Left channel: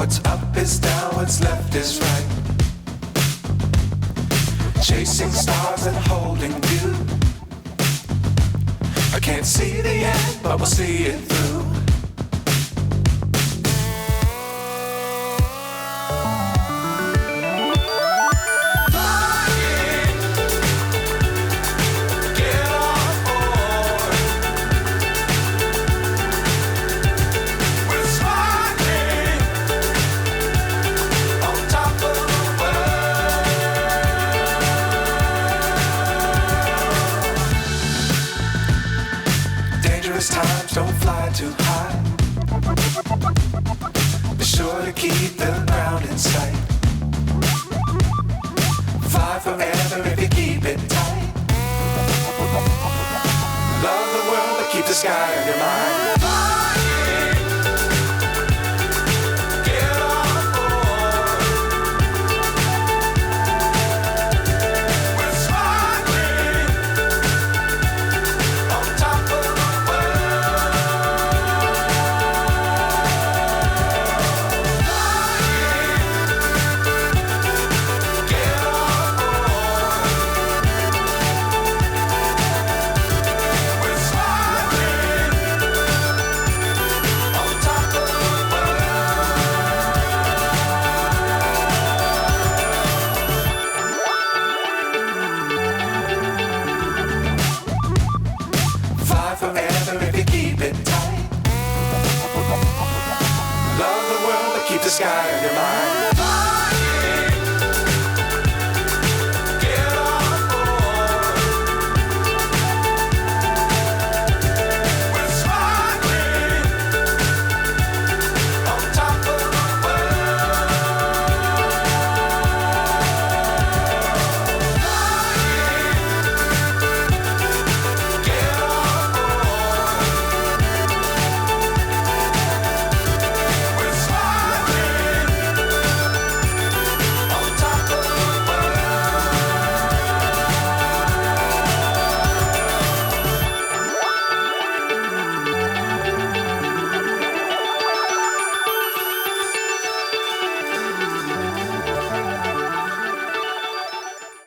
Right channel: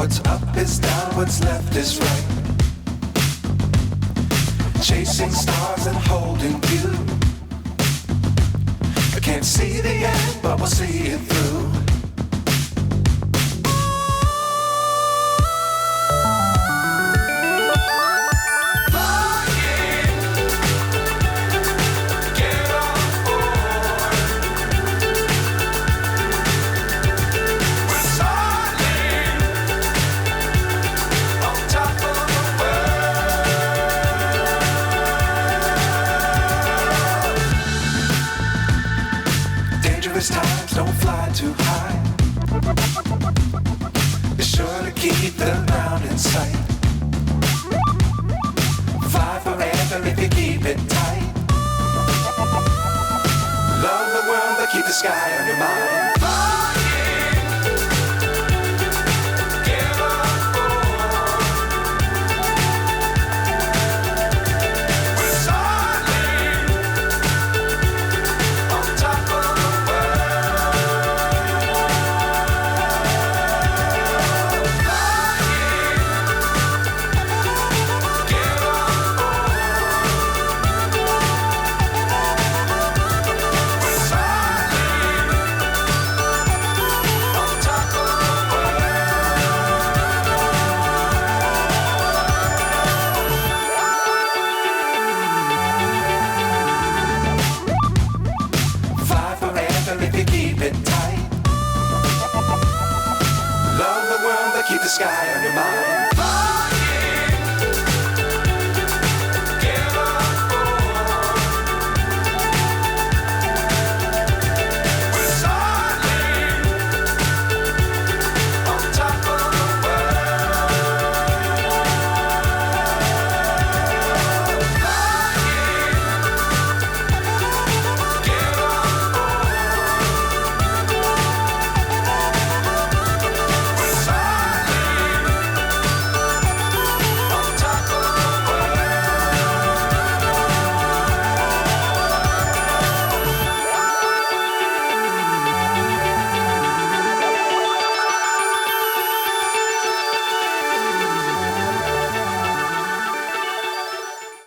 What's up is down, what's left is right. Chasing stars and holding you. I can't see the end, but we'll see it through. Times don't fly too high. Be sure to keep the ground in sight. Fly forever if you keep it tight. Love the world but keep the sky on your mind. Keep the sky on your mind.